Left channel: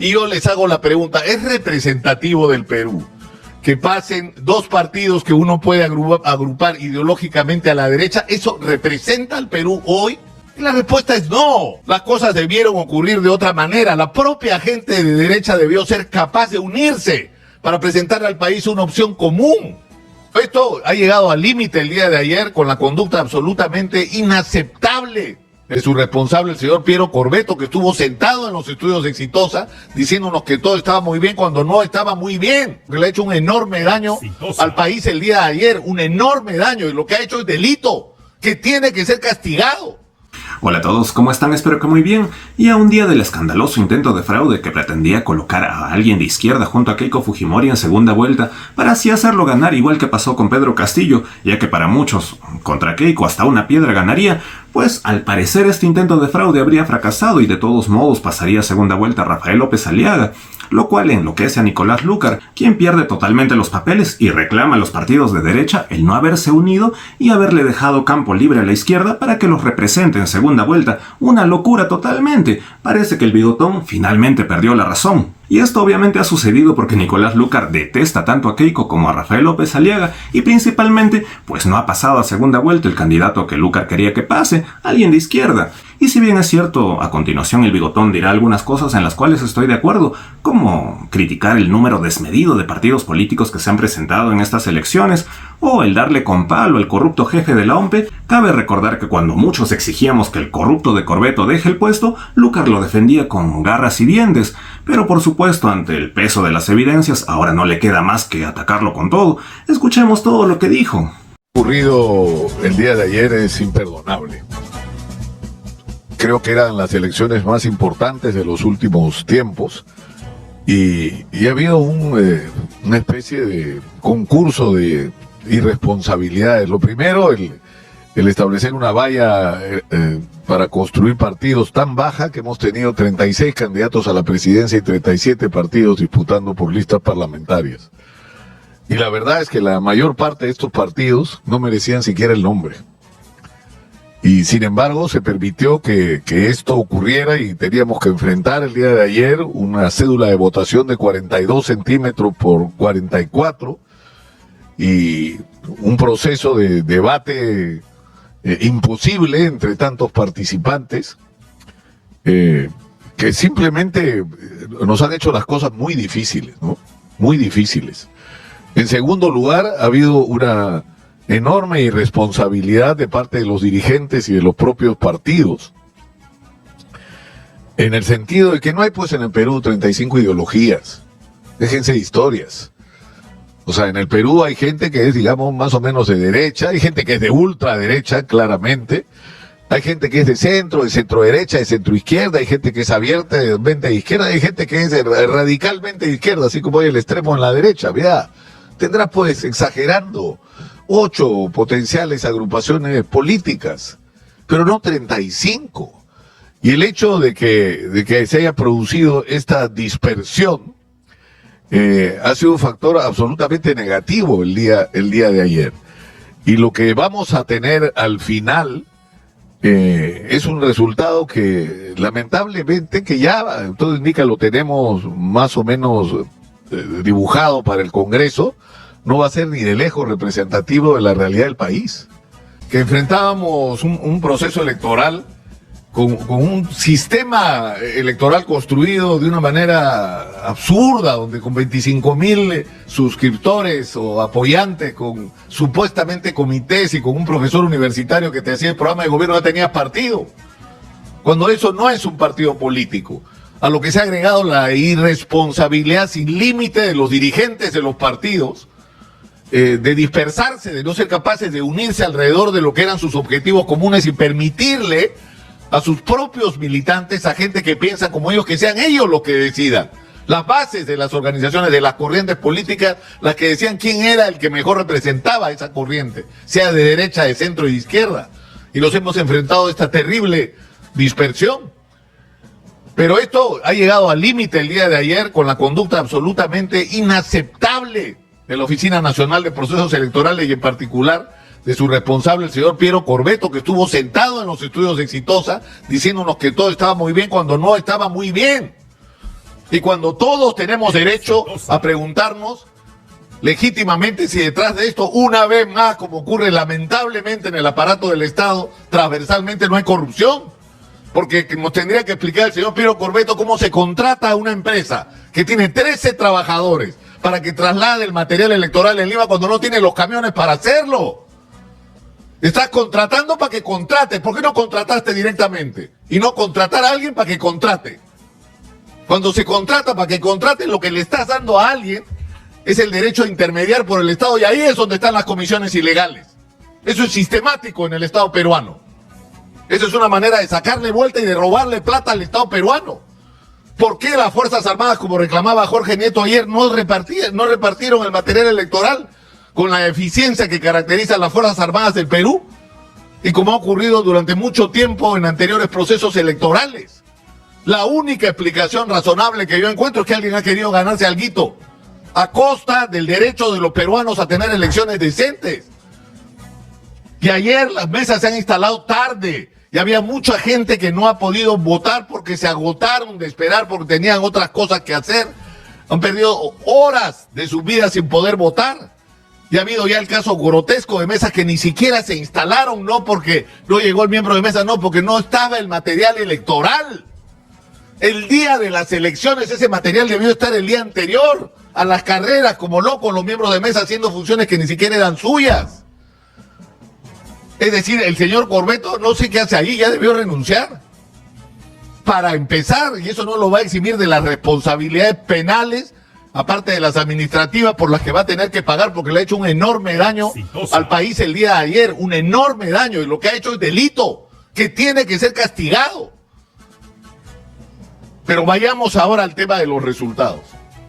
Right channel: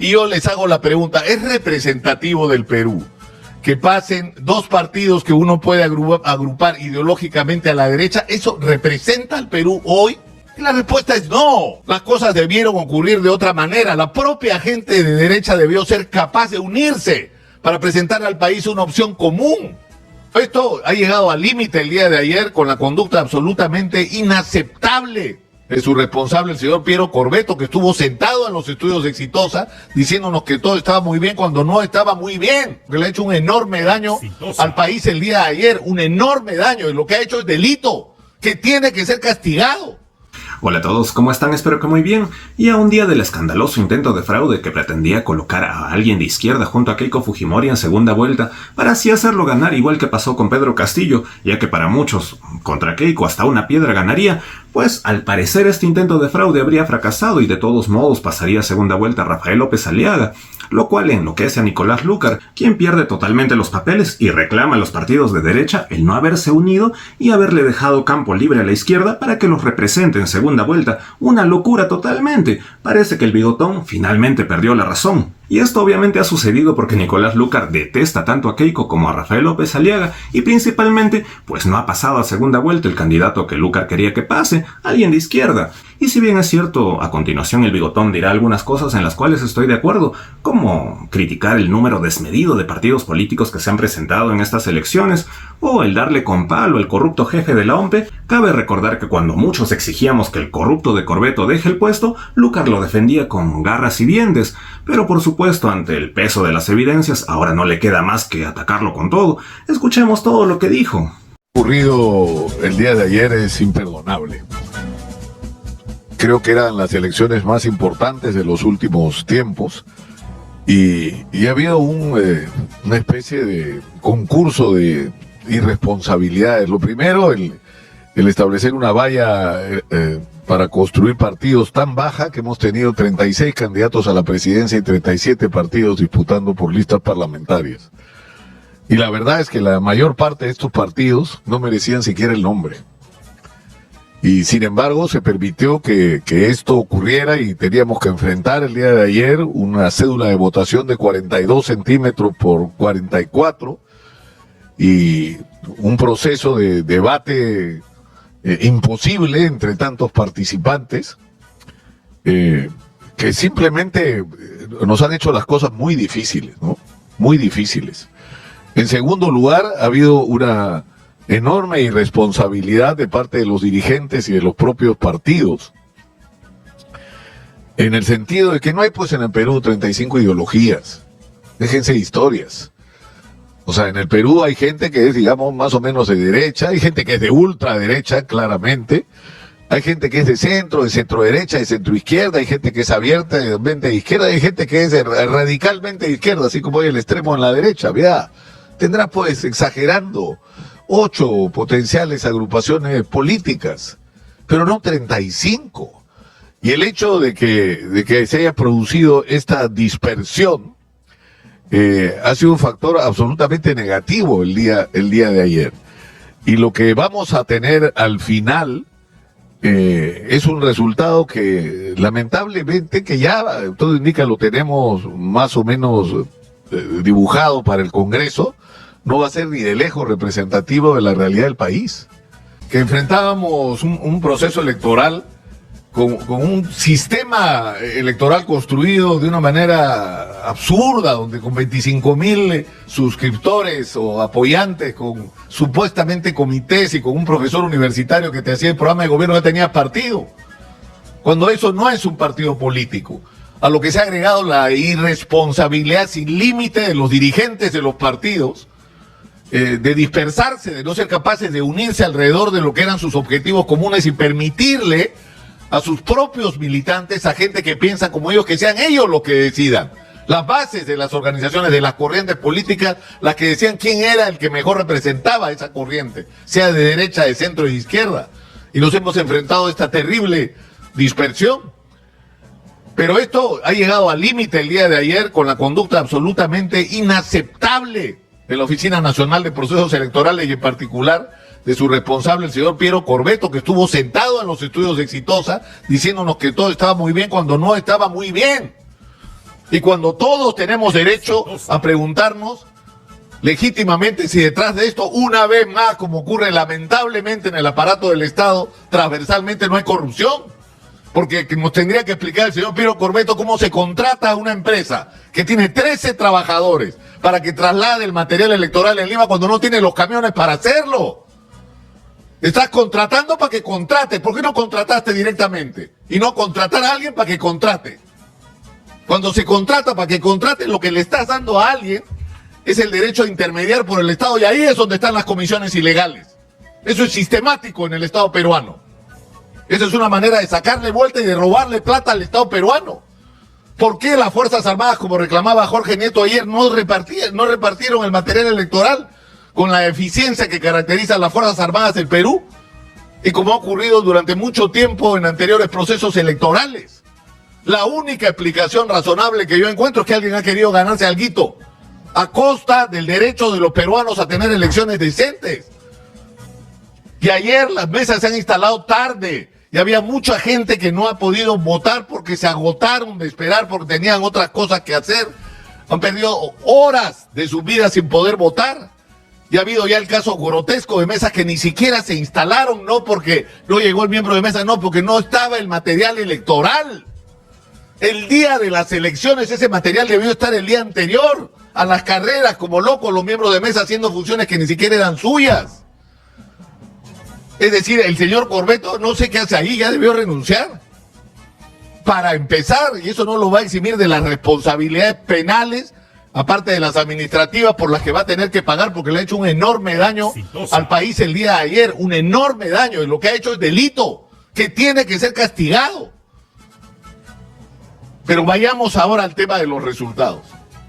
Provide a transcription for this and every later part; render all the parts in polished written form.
Y yo les hago la pregunta, ¿es representativo del Perú que pasen dos partidos que uno puede agrupar ideológicamente a la derecha? ¿Eso representa al Perú hoy? Y la respuesta es no. Las cosas debieron ocurrir de otra manera. La propia gente de derecha debió ser capaz de unirse para presentarle al país una opción común. Esto ha llegado al límite el día de ayer con la conducta absolutamente inaceptable de su responsable, el señor Piero Corbeto, que estuvo sentado en los estudios de Exitosa diciéndonos que todo estaba muy bien cuando no estaba muy bien, que le ha hecho un enorme daño al país el día de ayer, un enorme daño, y lo que ha hecho es delito, que tiene que ser castigado. Hola a todos, ¿cómo están? Espero que muy bien. Y a un día del escandaloso intento de fraude que pretendía colocar a alguien de izquierda junto a Keiko Fujimori en segunda vuelta para así hacerlo ganar, igual que pasó con Pedro Castillo, ya que para muchos contra Keiko hasta una piedra ganaría, pues al parecer este intento de fraude habría fracasado y de todos modos pasaría a segunda vuelta Rafael López Aliaga, lo cual enloquece a Nicolás Lúcar, quien pierde totalmente los papeles y reclama a los partidos de derecha el no haberse unido y haberle dejado campo libre a la izquierda para que los represente en segunda vuelta. Una locura totalmente. Parece que el bigotón finalmente perdió la razón. Y esto obviamente ha sucedido porque Nicolás Lúcar detesta tanto a Keiko como a Rafael López Aliaga y principalmente pues no ha pasado a segunda vuelta el candidato que Lúcar quería que pase, alguien de izquierda. Y si bien es cierto, a continuación el bigotón dirá algunas cosas en las cuales estoy de acuerdo, como criticar el número desmedido de partidos políticos que se han presentado en estas elecciones, o el darle con palo al corrupto jefe de la OMPE, cabe recordar que cuando muchos exigíamos que el corrupto de Corbeto deje el puesto, Lúcar lo defendía con garras y dientes, pero por supuesto ante el peso de las evidencias ahora no le queda más que atacarlo con todo. Escuchemos todo lo que dijo. Lo ocurrido el día de ayer es imperdonable. Creo que eran las elecciones más importantes de los últimos tiempos y ha habido una especie de concurso de irresponsabilidades. Lo primero, el establecer una valla para construir partidos tan baja que hemos tenido 36 candidatos a la presidencia y 37 partidos disputando por listas parlamentarias. Y la verdad es que la mayor parte de estos partidos no merecían siquiera el nombre. Y sin embargo se permitió que esto ocurriera y teníamos que enfrentar el día de ayer una cédula de votación de 42 centímetros por 44 y un proceso de debate imposible entre tantos participantes que simplemente nos han hecho las cosas muy difíciles, ¿no? Muy difíciles. En segundo lugar, ha habido una enorme irresponsabilidad de parte de los dirigentes y de los propios partidos, en el sentido de que no hay pues en el Perú 35 ideologías, déjense de historias. O sea, en el Perú hay gente que es, digamos, más o menos de derecha, hay gente que es de ultraderecha, claramente, hay gente que es de centro derecha, de centro izquierda, hay gente que es abiertamente de izquierda, hay gente que es radicalmente de izquierda, así como hay el extremo en la derecha. Vea, tendrá pues, exagerando, 8 potenciales agrupaciones políticas, pero no 35. Y el hecho de que se haya producido esta dispersión ha sido un factor absolutamente negativo el día de ayer. Y lo que vamos a tener al final es un resultado que lamentablemente, que ya todo indica lo tenemos más o menos dibujado para el Congreso, no va a ser ni de lejos representativo de la realidad del país. Que enfrentábamos un proceso electoral con un sistema electoral construido de una manera absurda, donde con 25,000 suscriptores o apoyantes, con supuestamente comités y con un profesor universitario que te hacía el programa de gobierno, ya tenías partido. Cuando eso no es un partido político. A lo que se ha agregado la irresponsabilidad sin límite de los dirigentes de los partidos, de dispersarse, de no ser capaces de unirse alrededor de lo que eran sus objetivos comunes y permitirle a sus propios militantes, a gente que piensa como ellos, que sean ellos los que decidan. Las bases de las organizaciones, de las corrientes políticas, las que decían quién era el que mejor representaba esa corriente, sea de derecha, de centro y de izquierda. Y nos hemos enfrentado a esta terrible dispersión. Pero esto ha llegado al límite el día de ayer con la conducta absolutamente inaceptable de la Oficina Nacional de Procesos Electorales y en particular de su responsable, el señor Piero Corbeto, que estuvo sentado en los estudios de Exitosa diciéndonos que todo estaba muy bien cuando no estaba muy bien. Y cuando todos tenemos derecho a preguntarnos legítimamente si detrás de esto, una vez más, como ocurre lamentablemente en el aparato del Estado, transversalmente no hay corrupción. Porque nos tendría que explicar el señor Piero Corbeto cómo se contrata a una empresa que tiene 13 trabajadores para que traslade el material electoral en Lima cuando no tiene los camiones para hacerlo. Estás contratando para que contrate. ¿Por qué no contrataste directamente? Y no contratar a alguien para que contrate. Cuando se contrata para que contrate, lo que le estás dando a alguien es el derecho a intermediar por el Estado, y ahí es donde están las comisiones ilegales. Eso es sistemático en el Estado peruano. Eso es una manera de sacarle vuelta y de robarle plata al Estado peruano. ¿Por qué las Fuerzas Armadas, como reclamaba Jorge Nieto ayer, no repartieron el material electoral con la eficiencia que caracteriza a las Fuerzas Armadas del Perú? Y como ha ocurrido durante mucho tiempo en anteriores procesos electorales. La única explicación razonable que yo encuentro es que alguien ha querido ganarse alguito a costa del derecho de los peruanos a tener elecciones decentes. Y ayer las mesas se han instalado tarde. Y había mucha gente que no ha podido votar porque se agotaron de esperar, porque tenían otras cosas que hacer. Han perdido horas de su vida sin poder votar. Y ha habido ya el caso grotesco de mesas que ni siquiera se instalaron, no porque no llegó el miembro de mesa, no, porque no estaba el material electoral. El día de las elecciones ese material debió estar el día anterior a las carreras, como locos los miembros de mesa haciendo funciones que ni siquiera eran suyas. Es decir, el señor Corbeto no sé qué hace ahí, ya debió renunciar. Para empezar, y eso no lo va a eximir de las responsabilidades penales, aparte de las administrativas por las que va a tener que pagar, porque le ha hecho un enorme daño al país el día de ayer, un enorme daño, y lo que ha hecho es delito, que tiene que ser castigado. Pero vayamos ahora al tema de los resultados.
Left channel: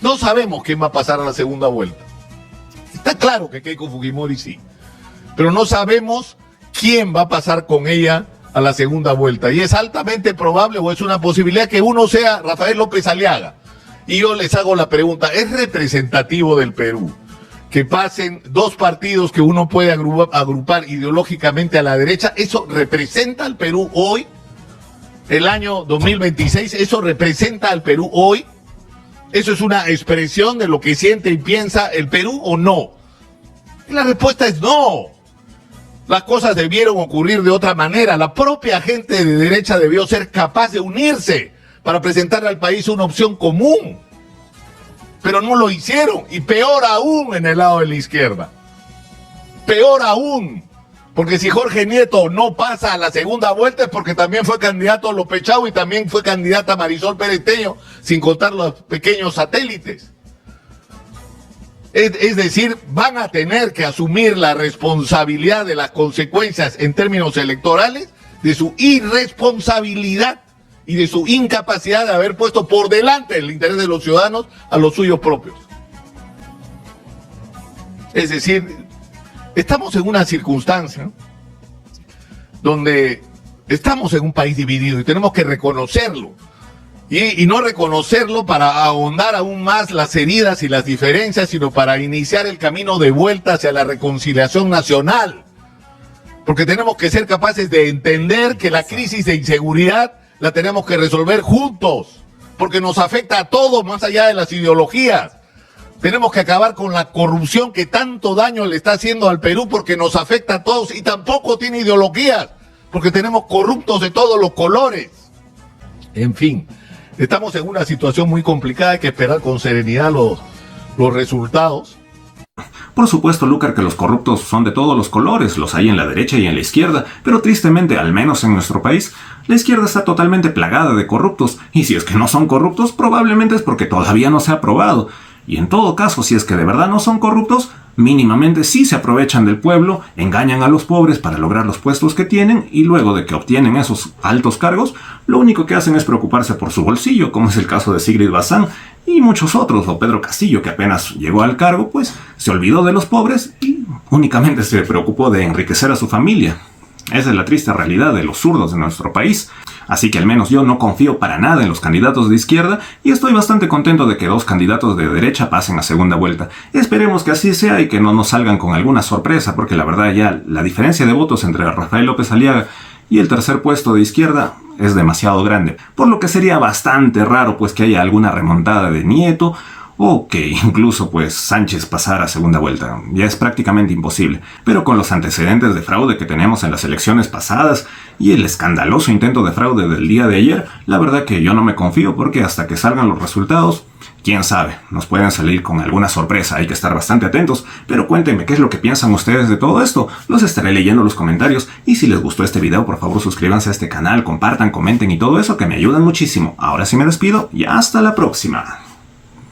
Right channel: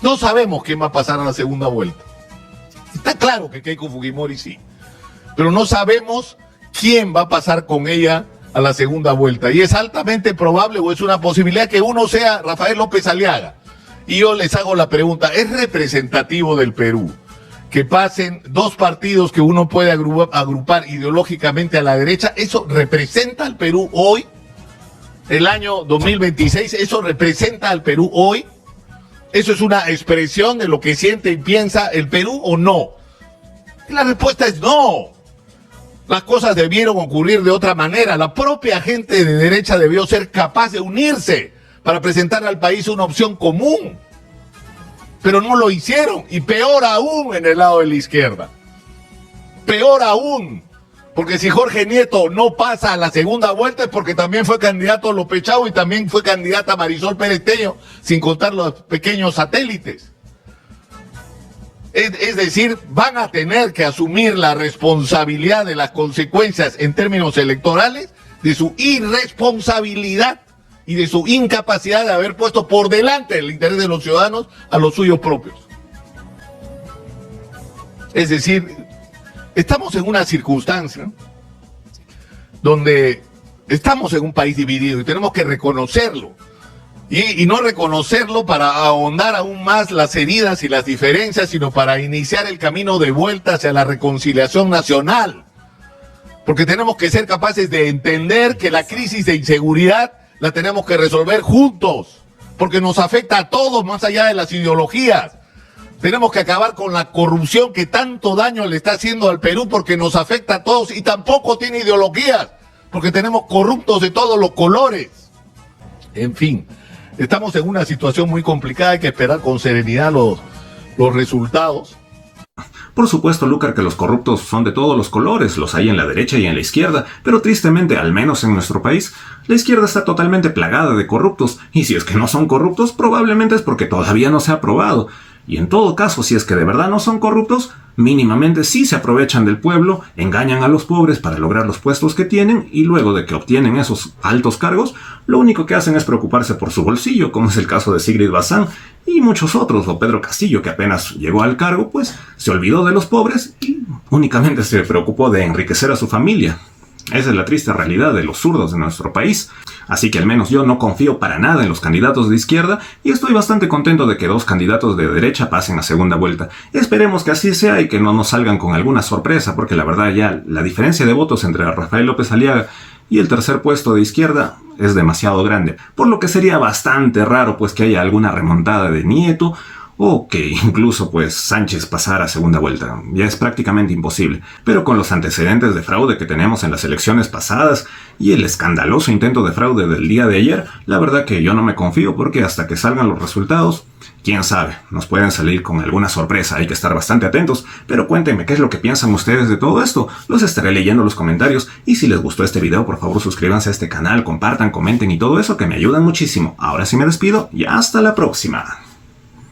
No sabemos quién va a pasar a la segunda vuelta. Está claro que Keiko Fujimori sí, pero no sabemos quién va a pasar con ella a la segunda vuelta. Y es altamente probable, o es una posibilidad, que uno sea Rafael López Aliaga. Y yo les hago la pregunta, ¿es representativo del Perú que pasen dos partidos que uno puede agrupar ideológicamente a la derecha? ¿Eso representa al Perú hoy? El año 2026, ¿eso representa al Perú hoy? ¿Eso es una expresión de lo que siente y piensa el Perú o no? Y la respuesta es no. Las cosas debieron ocurrir de otra manera. La propia gente de derecha debió ser capaz de unirse para presentar al país una opción común. Pero no lo hicieron, y peor aún en el lado de la izquierda. Peor aún, porque si Jorge Nieto no pasa a la segunda vuelta es porque también fue candidato López Chau y también fue candidata Marisol Pérez Tello, sin contar los pequeños satélites. Es decir, van a tener que asumir la responsabilidad de las consecuencias en términos electorales de su irresponsabilidad y de su incapacidad de haber puesto por delante el interés de los ciudadanos a los suyos propios. Es decir, estamos en una circunstancia donde estamos en un país dividido y tenemos que reconocerlo. Y no reconocerlo para ahondar aún más las heridas y las diferencias, sino para iniciar el camino de vuelta hacia la reconciliación nacional. Porque tenemos que ser capaces de entender que la crisis de inseguridad la tenemos que resolver juntos, porque nos afecta a todos más allá de las ideologías. Tenemos que acabar con la corrupción que tanto daño le está haciendo al Perú, porque nos afecta a todos y tampoco tiene ideologías, porque tenemos corruptos de todos los colores. En fin, estamos en una situación muy complicada, hay que esperar con serenidad los resultados. Por supuesto, Lúcar, que los corruptos son de todos los colores, los hay en la derecha y en la izquierda, pero tristemente, al menos en nuestro país, la izquierda está totalmente plagada de corruptos, y si es que no son corruptos, probablemente es porque todavía no se ha aprobado. Y en todo caso, si es que de verdad no son corruptos, mínimamente sí se aprovechan del pueblo, engañan a los pobres para lograr los puestos que tienen, y luego de que obtienen esos altos cargos, lo único que hacen es preocuparse por su bolsillo, como es el caso de Sigrid Bazán y muchos otros, o Pedro Castillo, que apenas llegó al cargo, pues se olvidó de los pobres y únicamente se preocupó de enriquecer a su familia. Esa es la triste realidad de los zurdos de nuestro país. Así que al menos yo no confío para nada en los candidatos de izquierda y estoy bastante contento de que dos candidatos de derecha pasen a segunda vuelta. Esperemos que así sea y que no nos salgan con alguna sorpresa, porque la verdad ya la diferencia de votos entre Rafael López Aliaga y el tercer puesto de izquierda es demasiado grande, por lo que sería bastante raro pues que haya alguna remontada de Nieto o que incluso pues Sánchez pasara a segunda vuelta. Ya es prácticamente imposible, pero con los antecedentes de fraude que tenemos en las elecciones pasadas y el escandaloso intento de fraude del día de ayer, la verdad que yo no me confío porque hasta que salgan los resultados, quién sabe, nos pueden salir con alguna sorpresa, hay que estar bastante atentos, pero cuéntenme qué es lo que piensan ustedes de todo esto, los estaré leyendo en los comentarios y si les gustó este video por favor suscríbanse a este canal, compartan, comenten y todo eso que me ayudan muchísimo. Ahora sí me despido y hasta la próxima.